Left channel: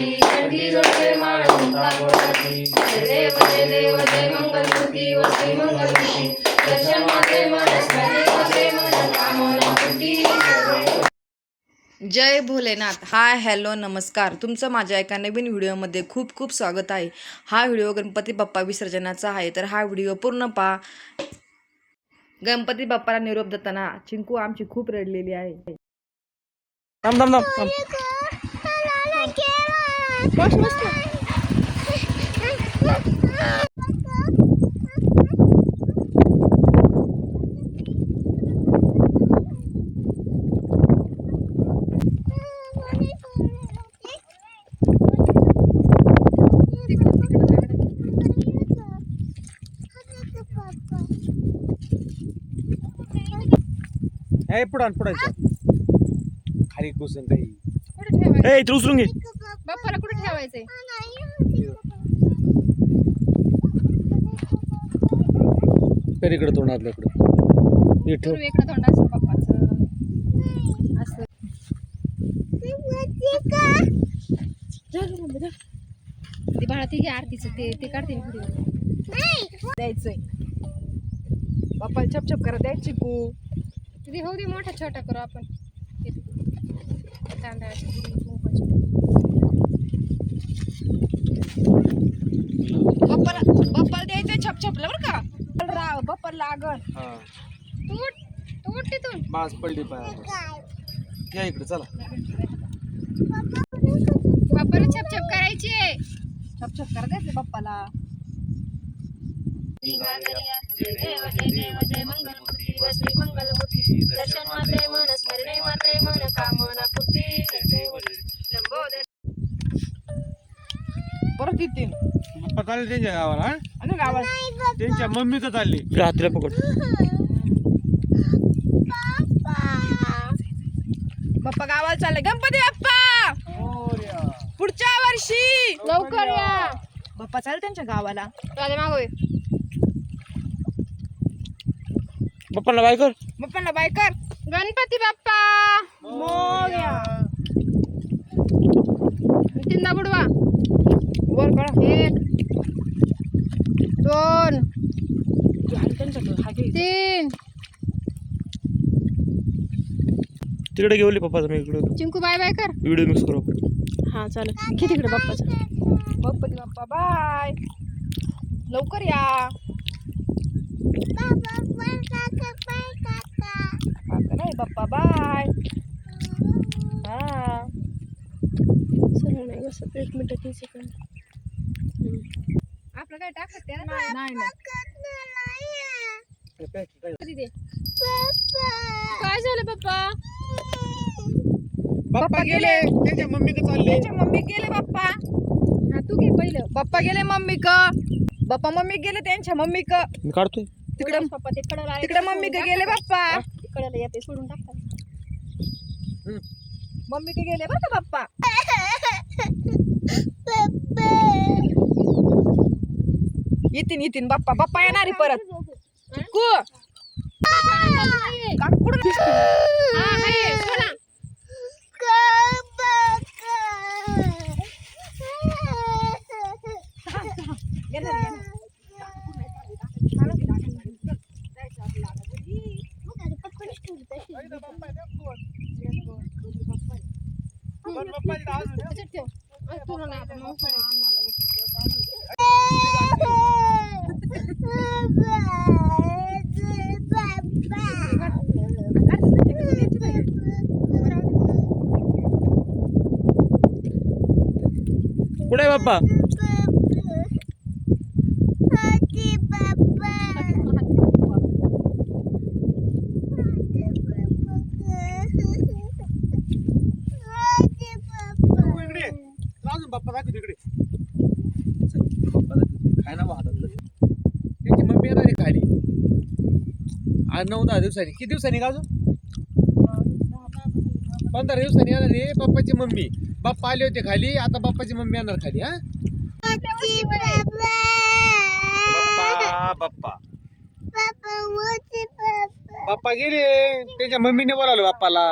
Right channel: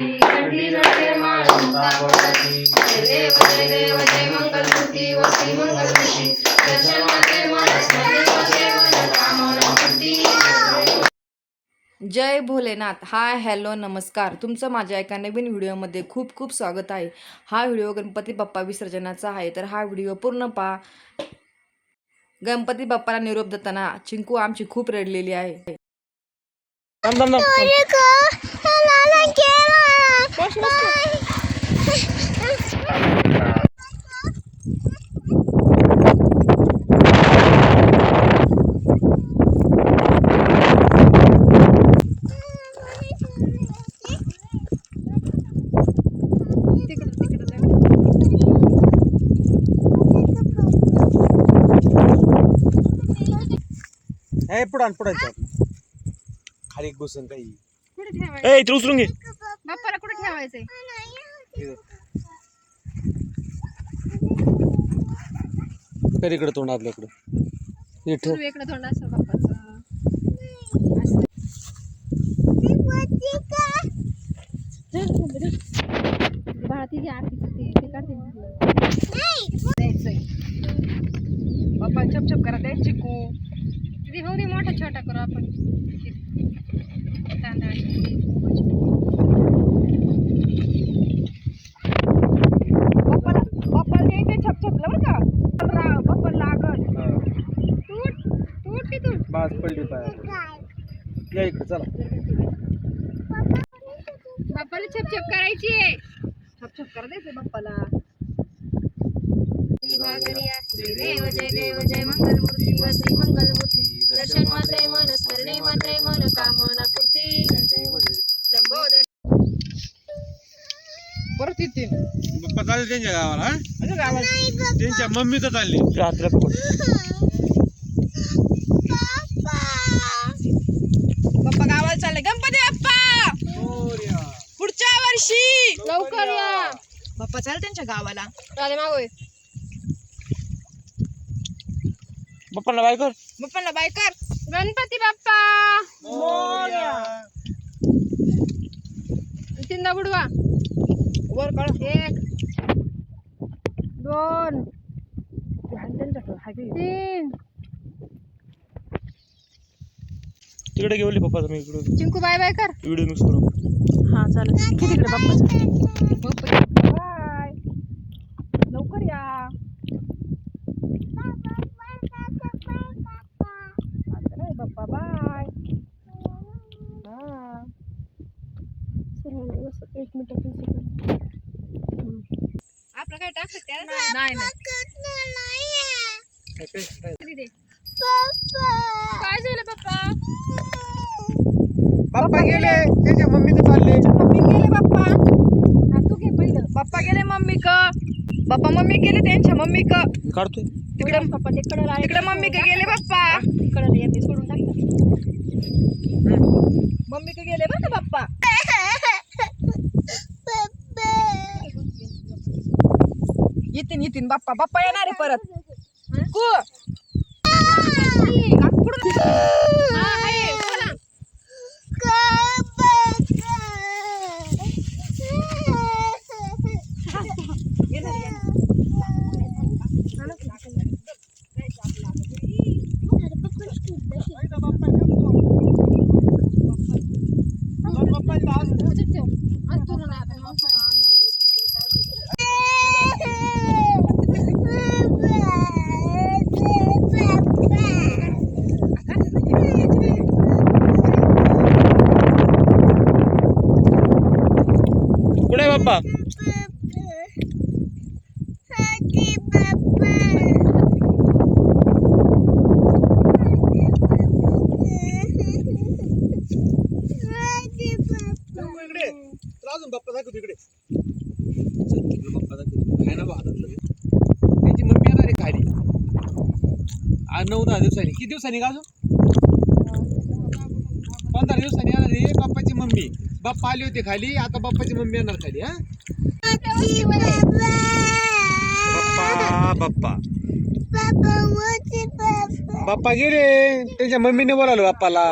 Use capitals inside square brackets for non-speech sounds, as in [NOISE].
जय देव दर्शन माते मनस Bholenath. Hi hello नमस्कार. तुमचं माझ्या एका नवीन व्हिडिओमध्ये खूप खूप स्वागत आहे. हा व्हिडिओ गणपती बाप्पा विसर्जनाचा आहे. तर हा व्हिडिओ पूर्ण पहा. गणपती बाप्पाला निरोप देताना चिंकू आमची खूप रडलेली आहे. थांब ए पुढं पुढं. खाली घुसून काही. ए इथे उचलून घे. बाप्पाला कुठे ठेवायचंय? कर इकडे तोंड आपल्याकडे हे तोंड बाप्पाचं. असं. ती बाळा ती घे आरतीचं ते ते काढते मी पुढे. द्यायचंय. बाप्पा छप छप करा द्या चिकू ते होऊ दे मोठा छोटा करू आपण. ते तांदळाचे बाप्पाला बाप्पाला द्यायचंय छप छप बरं का? रा- बाप्पा लागल. हा. तूट तूट की तूट? बाज पडली पाय. या इकडे चला. बाप्पाला छप छप करायची आहे. छप छप करा द्यायचंय बाप्पाला. देव जय देव जय मंगलमूर्ती व श्री मंगलमूर्ती दर्शन मात्रे मन स्मरणे मात्रे मन कामना पूर्ती लंबोदर परत येतील पप्पा चालले त्यांच्या गावाला हा? गावात. त्यांच्या मम्मी तर चालली रात्रीला पकड बाप्पा गावाला चालले. गणपती बाप्पा! पुढच्या वर्षी! लवकर या. बाप्पा चाल त्यांच्या गावाला. राधे मागोय. पप्पाला बाय कर. बाप्पाला बाय कर. गणपती बाप्पा. तीनदा बुडवा. एक दोन हा तीन. तिकडे घेऊन पप्पा तुम्ही इकडे चिंकू बाय बाय कर. व्हिडिओ मिक्स करू. हा चालेल. किती तिकडे बाप्पा. बाय. लवकर या काका नाही बाप्पा बाय हा एक मिनिट तीन सेकंड आपलं काय टाकत नाही नाही. काय झालं पप्पा? पप्पा गेले. त्यांच्या मम्मी तर चालले मम्मी गेले बाप्पा हा तू घे पहिलं. बाप्पा गेले मम्मी क बाप्पा मम्मी गेले त्यांच्या मम्मी क मी काढतोय तिकडे पप्पा ते कडल आले तिकडे मम्मी के गेले बाप्पा कडल येते सोडून टाकतात मम्मी के गेले बरं का बाप्पा [LAUGHS] येतीन येतीन बाप्पा बाप्पा येणार आहे परत कु पुढं- हा, हाय, चला. येणार, येणार. त्याच्यात ठेव. आणि तुला नाही आता मग अन्नाला एक एक एक आहे. कुठे आहे बाप्पा. इकडे अजून बाप्पा दाखव तिकडे बाप्पा दाखव काय ना त्यांची मम्मी खाली. आज नऊ दहा दिवसांनी. किती दिवसांनी का अजून? पंधरा दिवसांनी येणार आहे. बाप्पाची मम्मी. बाप्पा आले होते खाली आता बाप्पाची मम्मी येणार खाली हा? बाप्पा बाप्पा. बाप्पा गेले. त्यांच्या मम्मीने बोलावलं बाप्पाला.